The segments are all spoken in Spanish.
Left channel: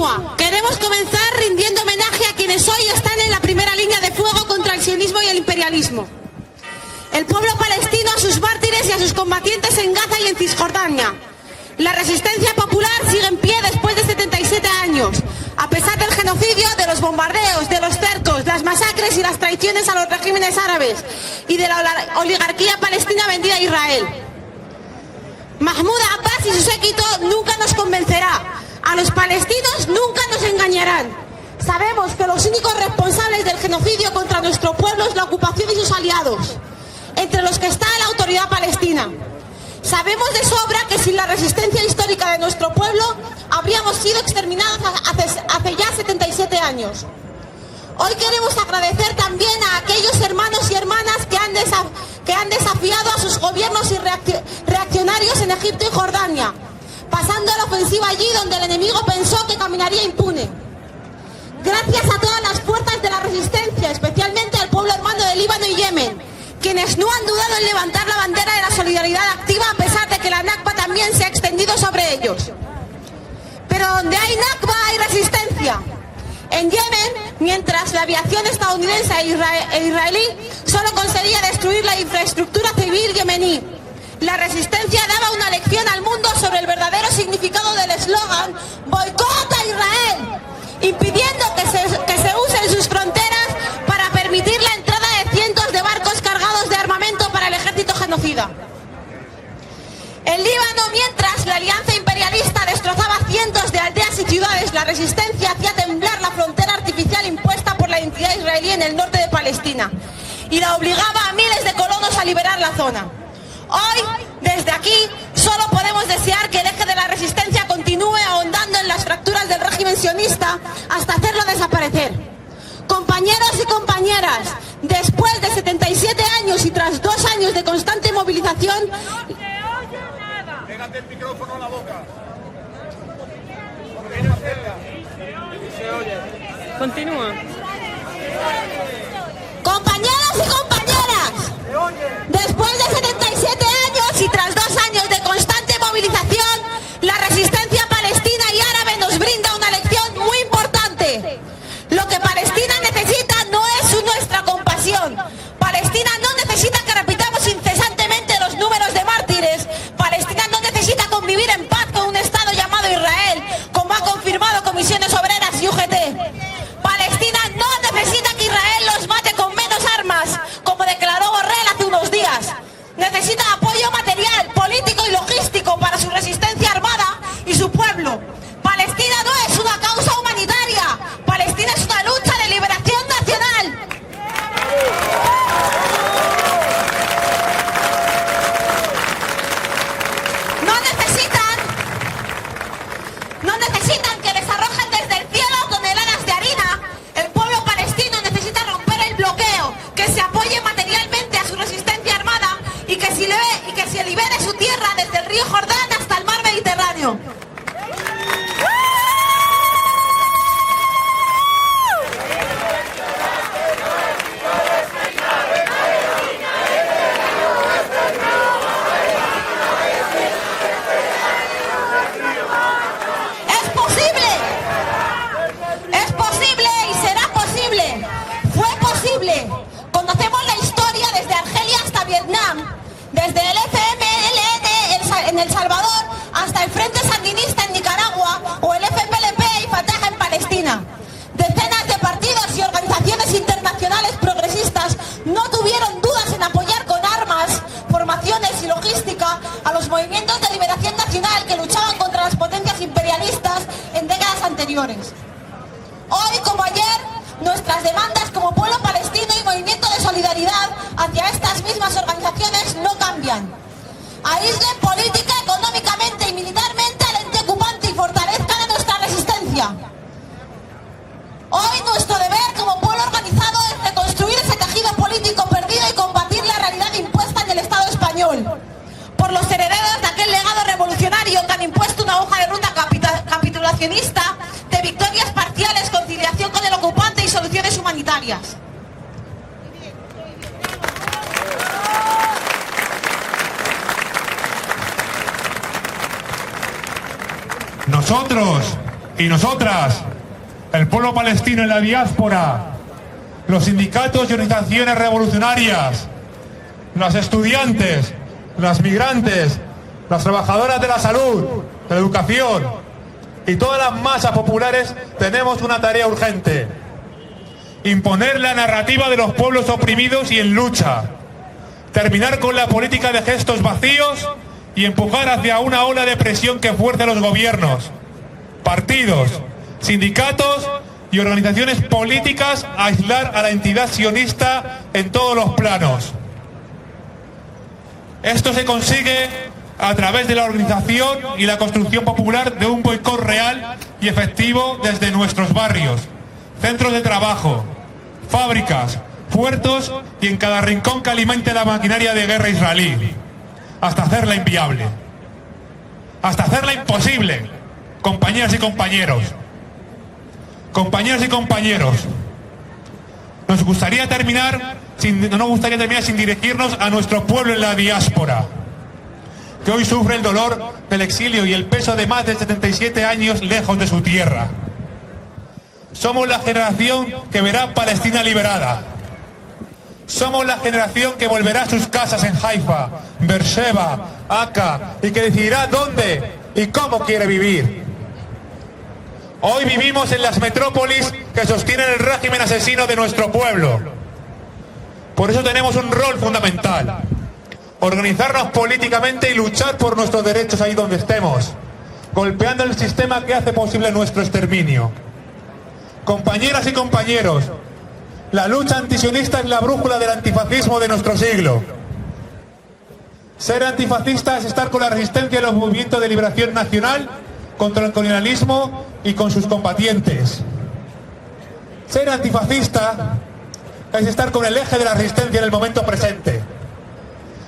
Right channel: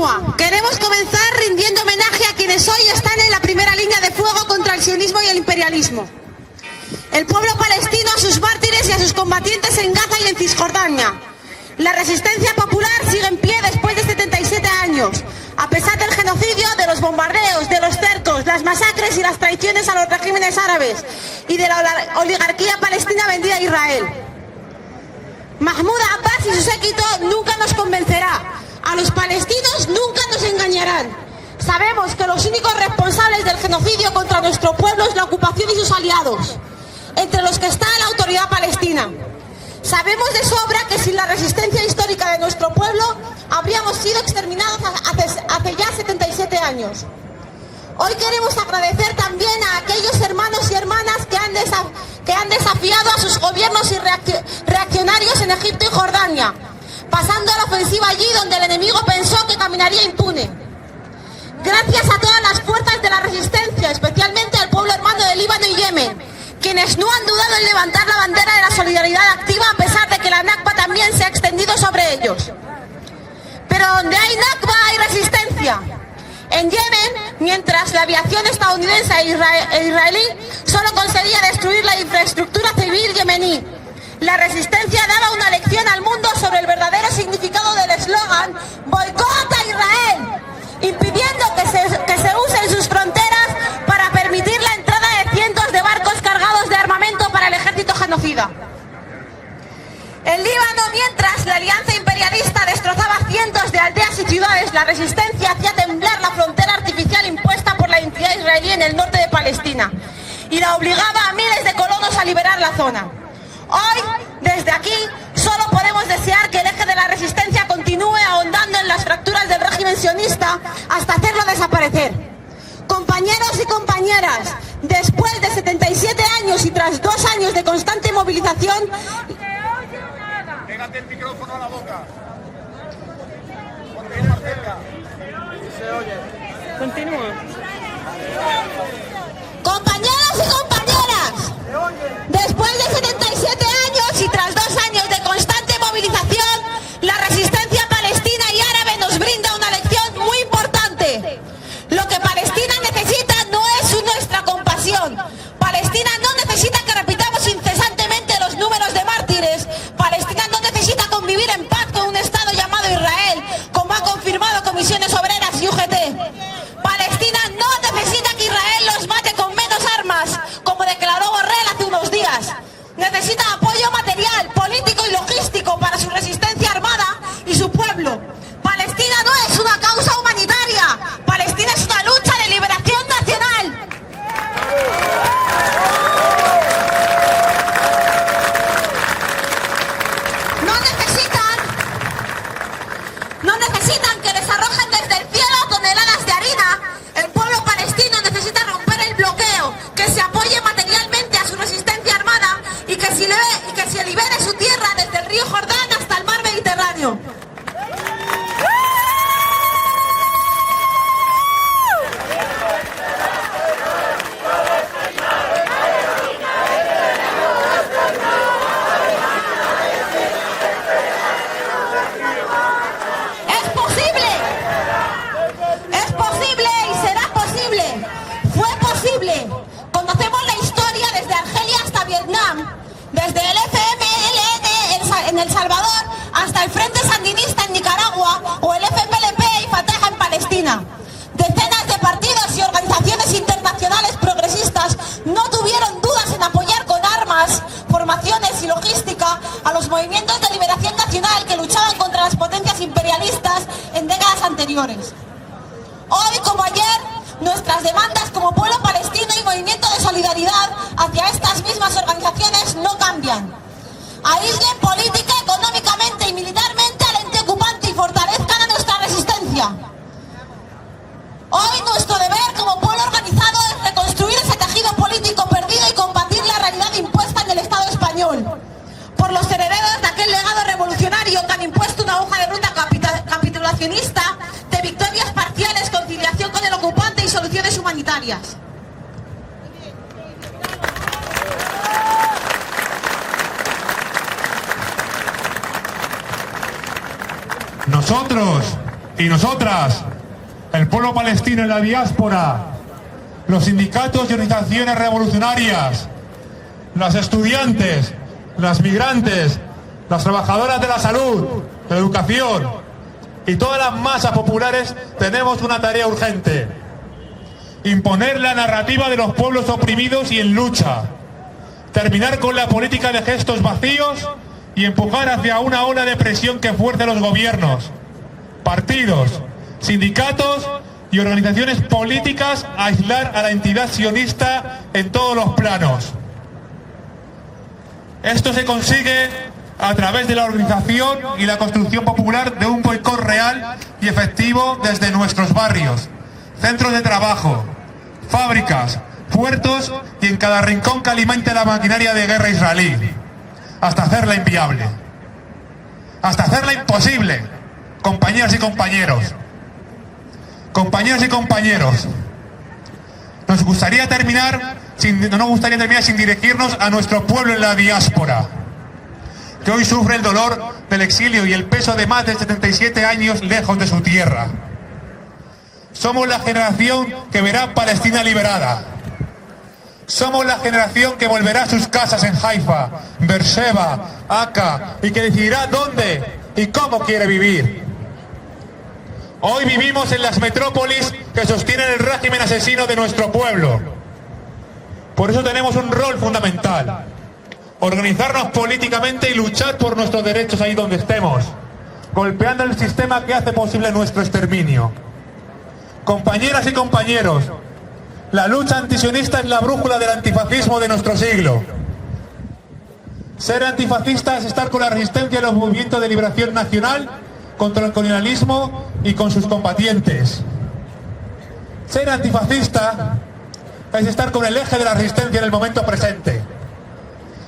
continúa. Queremos comenzar rindiendo homenaje a quienes hoy están en la primera línea de fuego contra el sionismo y el imperialismo. El pueblo palestino, a sus mártires y a sus combatientes en Gaza y en Cisjordania. La resistencia popular sigue en pie después de 77 años, a pesar del genocidio, de los bombardeos, de los cercos, las masacres y las traiciones a los regímenes árabes y de la oligarquía palestina vendida a Israel. Mahmoud Abbas y su séquito nunca nos convencerá. A los palestinos nunca nos engañarán. Sabemos que los únicos responsables del genocidio contra nuestro pueblo es la ocupación y sus aliados, entre los que está la autoridad palestina. Sabemos de sobra que sin la resistencia histórica de nuestro pueblo habríamos sido exterminados hace ya 77 años. Hoy queremos agradecer también a aquellos hermanos y hermanas que han desafiado a sus gobiernos y reaccionarios en Egipto y Jordania, pasando a la ofensiva allí donde el enemigo pensó que caminaría impune. Gracias a todas las fuerzas de la resistencia, especialmente al pueblo hermano de Líbano y Yemen, quienes no han dudado en levantar la bandera de la solidaridad activa a pesar de que la Nakba también se ha extendido sobre ellos. Pero donde hay Nakba hay resistencia. En Yemen, mientras la aviación estadounidense e israelí solo conseguía destruir la infraestructura civil yemení, la resistencia daba una lección al mundo sobre el verdadero significado del eslogan «Boicot a Israel», impidiendo que se usen sus fronteras para permitir la entrada de cientos de barcos cargados de armamento para el ejército genocida. En Líbano, mientras la alianza imperialista destrozaba cientos de aldeas y ciudades, la resistencia hacía temblar la frontera artificial impuesta por la entidad israelí en el norte de Palestina y la obligaba a miles de colonos a liberar la zona. Hoy, desde aquí, solo podemos desear que el eje de la resistencia continúe ahondando en las fracturas del régimen sionista hasta hacerlo desaparecer. Compañeros y compañeras, después de 77 años y tras 2 años de constante movilización... Pégate el micrófono a la boca. Continúa. Compañeros y compañeras, después de 77 años y tras 2 años de constante movilización, la resistencia palestina y árabe nos brinda una lección muy importante. Lo que Palestina necesita no es nuestra compasión. Palestina no necesita que repitamos incesantemente los números de mártires. Palestina no necesita convivir en paz con un Estado llamado Israel, como ha confirmado Comisiones Obreras y UGT. Palestina no necesita que Israel los mate con menos armas, como declaró Borrell hace unos días. Necesita apoyo material, político y logístico para su resistencia armada y su pueblo. Palestina no es una causa humanitaria. Palestina es una lucha de liberación nacional. No necesitan que les arrojen desde el cielo toneladas de harina. El pueblo palestino necesita romper el bloqueo, que se apoye materialmente a su resistencia armada y que se libere su tierra desde el río Jordán hasta el mar Mediterráneo. Desde el FMLN en El Salvador hasta el Frente Sandinista en Nicaragua o el FPLP y Fatah en Palestina. Decenas de partidos y organizaciones internacionales progresistas no tuvieron dudas en apoyar con armas, formaciones y logística a los movimientos de liberación nacional que luchaban contra las potencias imperialistas en décadas anteriores. Hoy, como ayer, nuestras demandas como pueblo palestino y movimiento de solidaridad hacia estas mismas organizaciones no cambian. Aíslen política, económicamente y militarmente al ente ocupante y fortalezcan a nuestra resistencia. Hoy nuestro deber como pueblo organizado es reconstruir ese tejido político perdido y combatir la realidad impuesta en el Estado español por los herederos de aquel legado revolucionario que han impuesto una hoja de ruta capitulacionista de victorias parciales, conciliación con el ocupante y soluciones humanitarias. Nosotros, Y nosotras, el pueblo palestino en la diáspora, los sindicatos y organizaciones revolucionarias, las estudiantes, las migrantes, las trabajadoras de la salud, de la educación y todas las masas populares tenemos una tarea urgente: imponer la narrativa de los pueblos oprimidos y en lucha, terminar con la política de gestos vacíos y empujar hacia una ola de presión que fuerce a los gobiernos, partidos, sindicatos y organizaciones políticas a aislar a la entidad sionista en todos los planos. Esto se consigue a través de la organización y la construcción popular de un boicot real y efectivo desde nuestros barrios, centros de trabajo, fábricas, puertos y en cada rincón que alimente la maquinaria de guerra israelí, hasta hacerla inviable, hasta hacerla imposible. Compañeras y compañeros, compañeras y compañeros, no nos gustaría terminar sin dirigirnos a nuestro pueblo en la diáspora, que hoy sufre el dolor del exilio y el peso de más de 77 años lejos de su tierra. Somos la generación que verá Palestina liberada. Somos la generación que volverá a sus casas en Haifa, Beersheba, Aka, y que decidirá dónde y cómo quiere vivir. Hoy vivimos en las metrópolis que sostienen el régimen asesino de nuestro pueblo. Por eso tenemos un rol fundamental: organizarnos políticamente y luchar por nuestros derechos ahí donde estemos, golpeando el sistema que hace posible nuestro exterminio. Compañeras y compañeros, la lucha antisionista es la brújula del antifascismo de nuestro siglo. Ser antifascista es estar con la resistencia de los movimientos de liberación nacional contra el colonialismo y con sus combatientes. Ser antifascista es estar con el eje de la resistencia en el momento presente.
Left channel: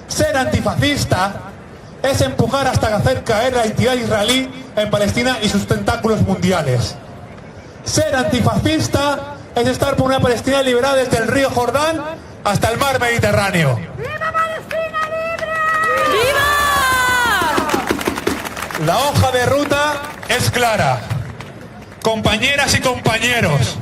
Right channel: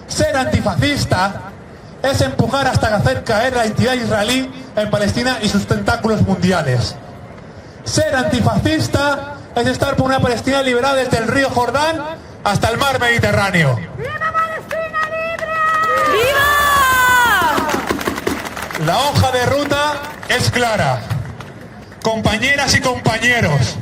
Ser antifascista es empujar hasta hacer caer la entidad israelí en Palestina y sus tentáculos mundiales. Ser antifascista es estar por una Palestina liberada desde el río Jordán hasta el mar Mediterráneo. ¡Viva Palestina libre! ¡Viva! La hoja de ruta es clara. Compañeras y compañeros,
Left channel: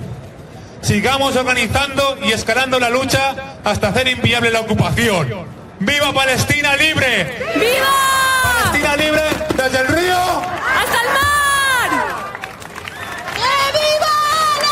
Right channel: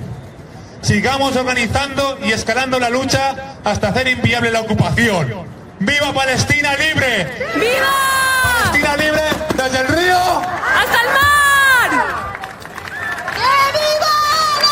sigamos organizando y escalando la lucha hasta hacer inviable la ocupación. ¡Viva Palestina libre! ¡Viva!